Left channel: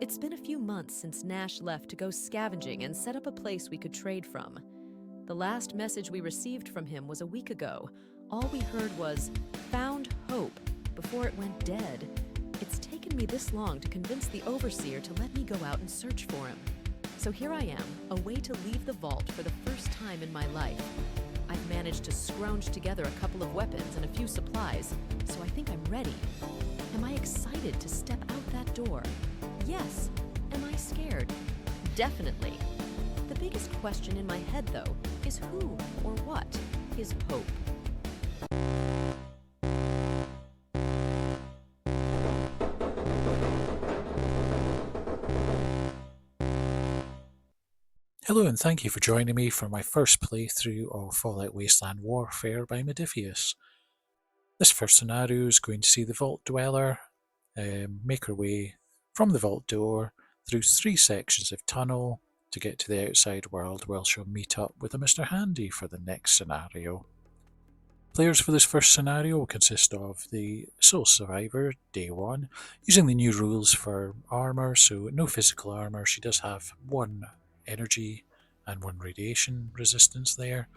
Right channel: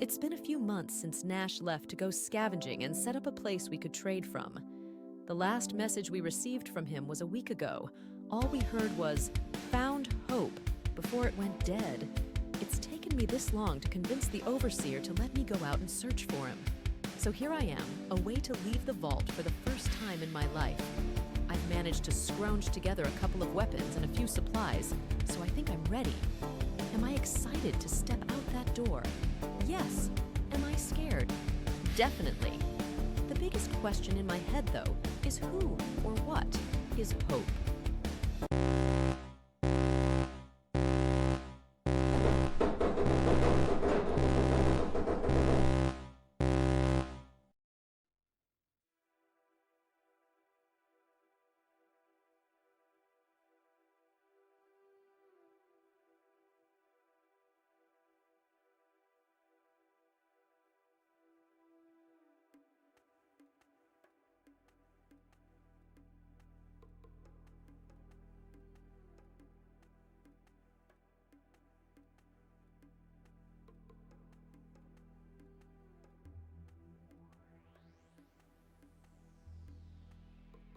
It's been a few months since Nash left to go scavenging and set up a place we could trade from. The last message we received from him was a week ago. All we heard was, "Found hope," before it went dead. It's taken me this long to convince the Overseer to let me go out and search for him. So here I am, a way to leave the vault for the first time in my life. I've managed to scrounge together a couple of weapons and a few supplies, so I think I'm ready. Am I excited to step out that door? Yes. Am I scared? Definitely. The biggest question in my head, though, is who or what is hope? Hello and thank you for joining me for my first playthrough of Fallout Wasteland Warfare by Modifius. This first scenario is going to see the Vault Dweller make her way from the vault door through 3 sections of tunnel to get to the outside world, where she'll meet up with a Mr. Handy for the next scenario. Players for this first scenario will consist of the sole survivor, Day 1, using the new rules for armour, so no physical armour. She does have 1 energy and 1 radiation resistance there.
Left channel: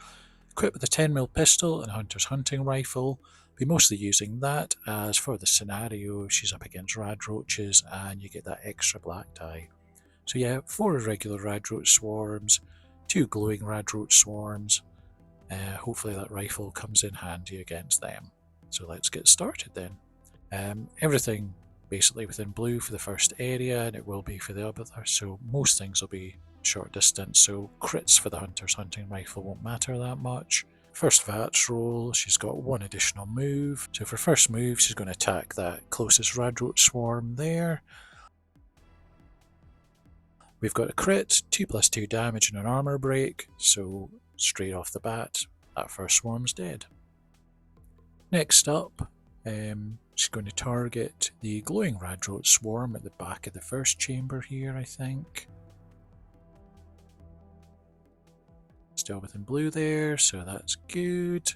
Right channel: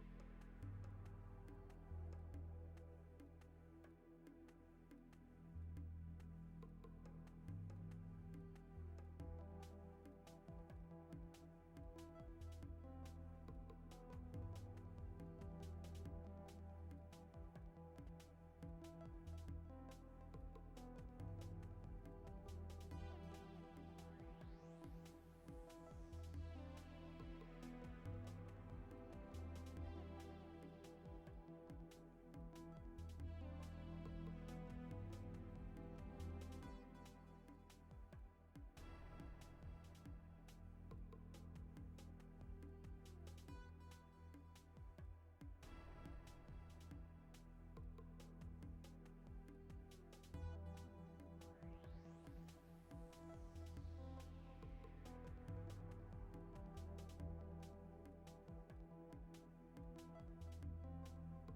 Equipped with a 10mm pistol and Hunter's hunting rifle, be mostly using that, as for the scenario she's up against radroaches and you get that extra black die. So yeah, 4 irregular radroach swarms, 2 glowing radroach swarms. Hopefully that rifle comes in handy against them. So let's get started then. Everything basically within blue for the first area, and it will be for the other, so most things will be short distance, so crits for the Hunter's hunting rifle won't matter that much. First VATS roll, she's got 1 additional move, so for first move she's going to attack that closest radroach swarm there. We've got a crit, 2+2 damage and an armor break, so straight off the bat that first swarm's dead. Next up, she's going to target the glowing radroach swarm at the back of the first chamber here, I think. Still within blue there, so that's good.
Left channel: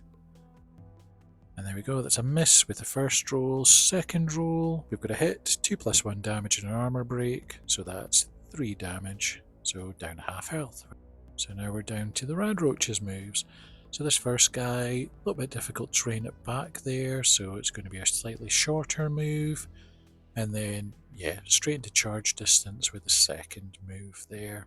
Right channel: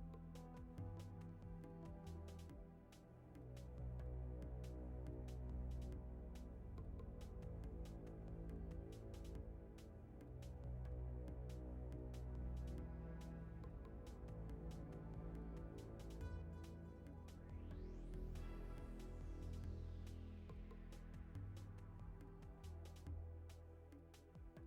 And there we go, that's a miss with the first roll. Second roll, we've got a hit, 2+1 damage and an armor break, so that's 3 damage, so down half health. So now we're down to the radroach's moves. So this first guy, a little bit difficult to train it back there, so it's going to be a slightly shorter move. And then, yeah, straight into charge distance with the second move there.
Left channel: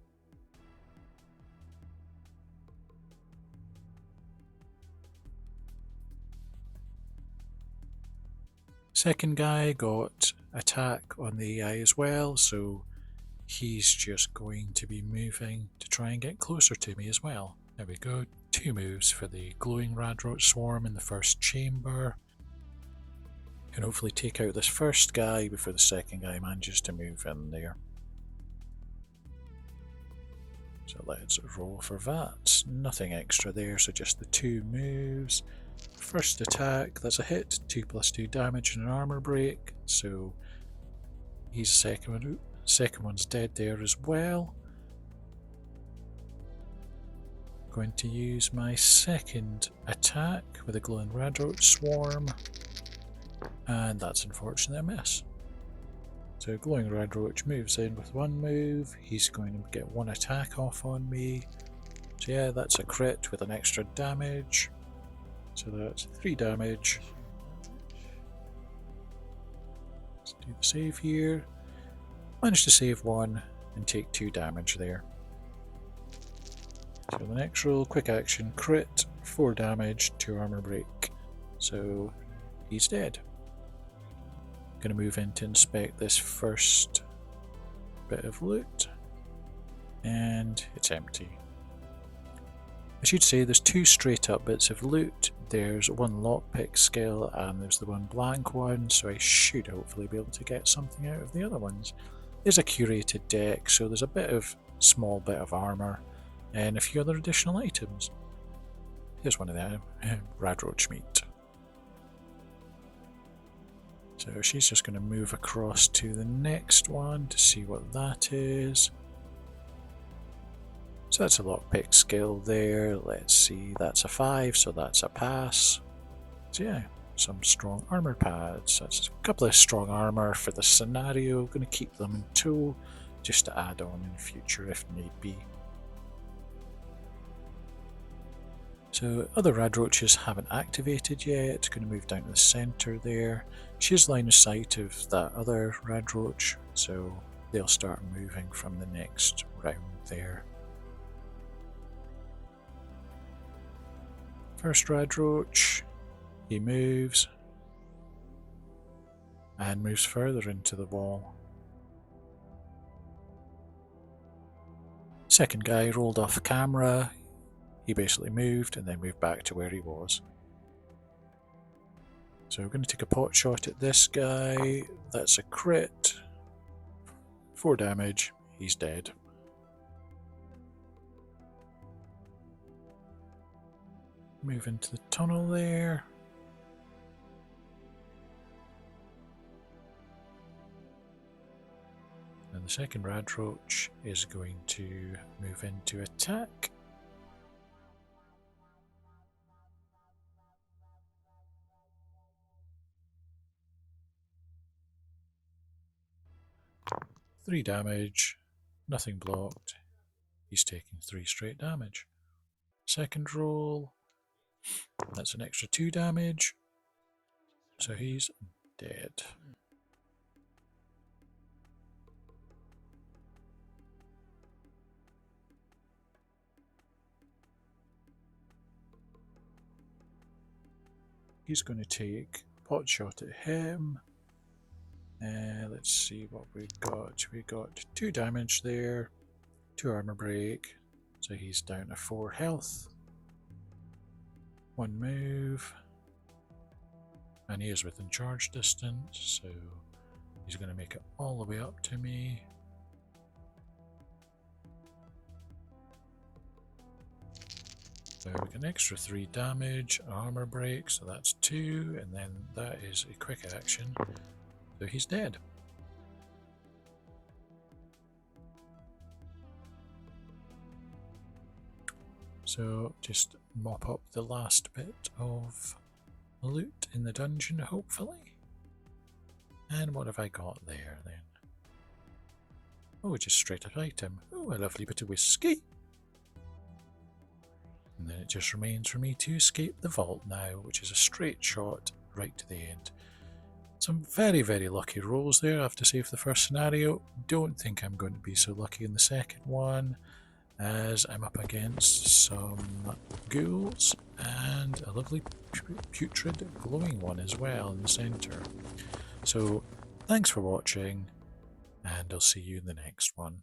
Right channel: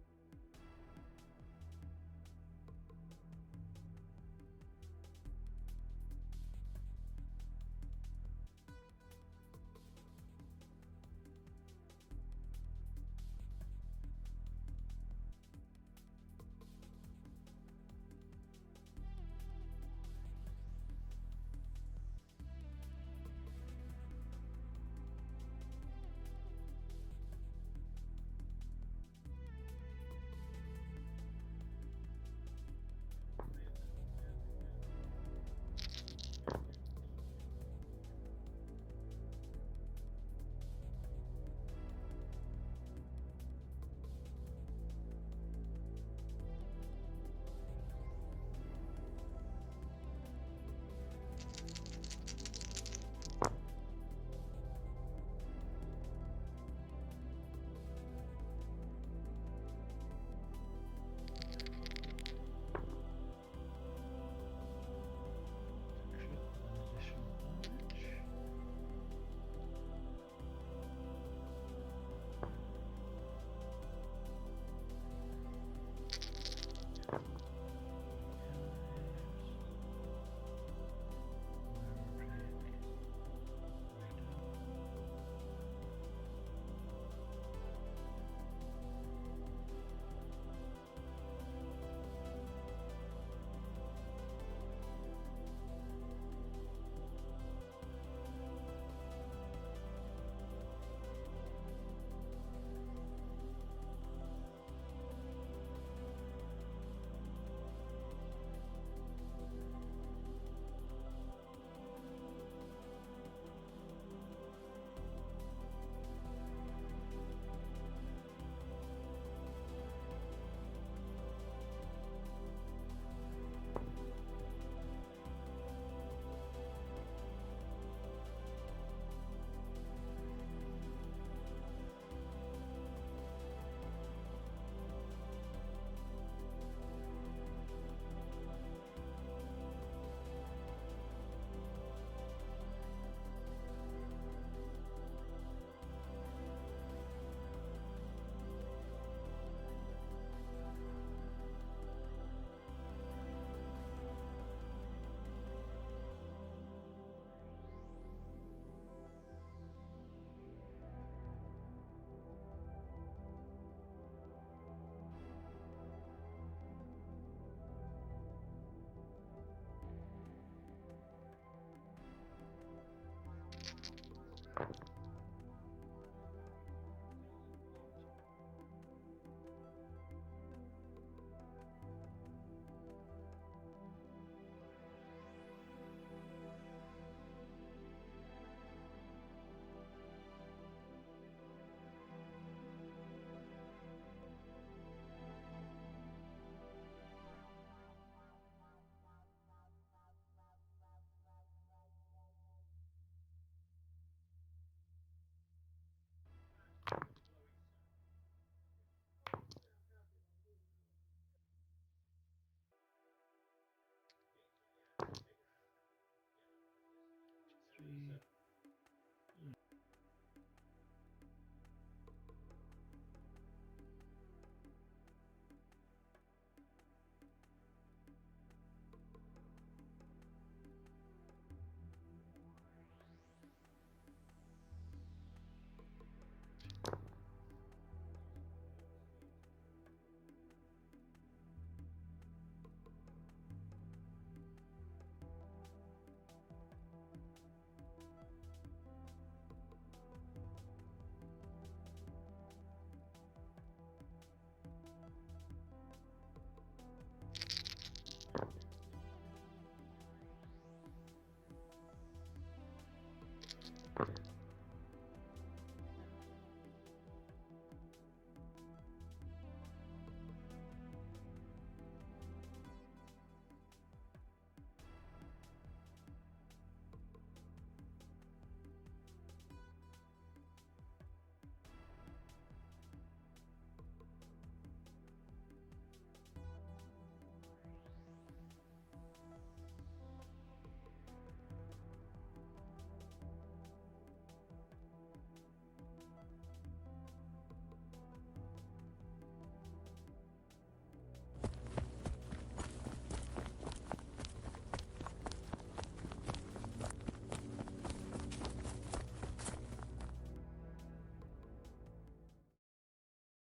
Second guy got attack on the AI as well, so he's just going to be moving to try and get closer to me as well. There we go, 2 moves for the glowing radroach swarm in the first chamber. Can hopefully take out this first guy before the second guy manages to move in there. So let's roll for VATS. Nothing extra there, so just the 2 moves. First attack, that's a hit, 2+2 damage and an armor break, so he's second one's dead there as well. Going to use my second attack with a glowing radroach swarm, and that's unfortunately a miss. So glowing radroach moves in with 1 move, he's going to get 1 attack off on me. So yeah, that's a crit with an extra damage. So that's 3 damage. Let's do the save here. Managed to save 1 and take 2 damage there. So the next roll, quick action, crit, 4 damage, 2 armor break. So he's dead. Gonna move in to inspect this first bit of loot. And it's empty. I should say there's 2 straight up bits of loot. There's 1 lockpick skill and there's the 1 blank one, so I should hopefully be able to get something out of the other ones. There's a curated deck, so there's a small bit of armour and a few other additional items. Here's one of them, radroach meat. So she's just going to move across to the next one to see what that is. So that's a lockpick skill there. Let's see, that's a 5, so that's a pass. So yeah, some strong armor pads. That's a couple of strong armor for the scenario. Going to keep them in tow just to add on in future if need be. So other rad roaches haven't activated yet. Going to move down to the centre there. She has line of sight of that other rad roach, so they'll start moving from the next round there. First rad roach, he moves and moves further into the wall. Second guy rolled off camera. He basically moved and then moved back to where he was. So we're going to take a pot shot at this guy. That's a crit. 4 damage. He's dead. Move into the tunnel there. And the second rad roach is going to move into attack. Three damage, nothing blocked. He's taking 3 straight damage. Second roll, that's an extra 2 damage. So he's dead. He's going to take pot shot at him. Let's see what we've got. We got 2 damage there, 2 armor break, so he's down to 4 health. 1 move, and he is within charge distance, so he's going to make it all the way up to me. So we get an extra 3 damage, armor break, so that's 2, and then that is a quick action. So he's dead. So just mop up the last bit of loot in the dungeon, hopefully. And what have I got there then? Oh, just straight up item. Oh, a lovely bit of whiskey. And then it just remains for me to escape the vault now, which is a straight shot right to the end. Some very, very lucky rolls there, I have to say, for the first scenario. Don't think I'm going to be so lucky in the second one, as I'm up against some ghouls and a lovely putrid glowing one as well in the centre. So, thanks for watching, and I'll see you in the next one.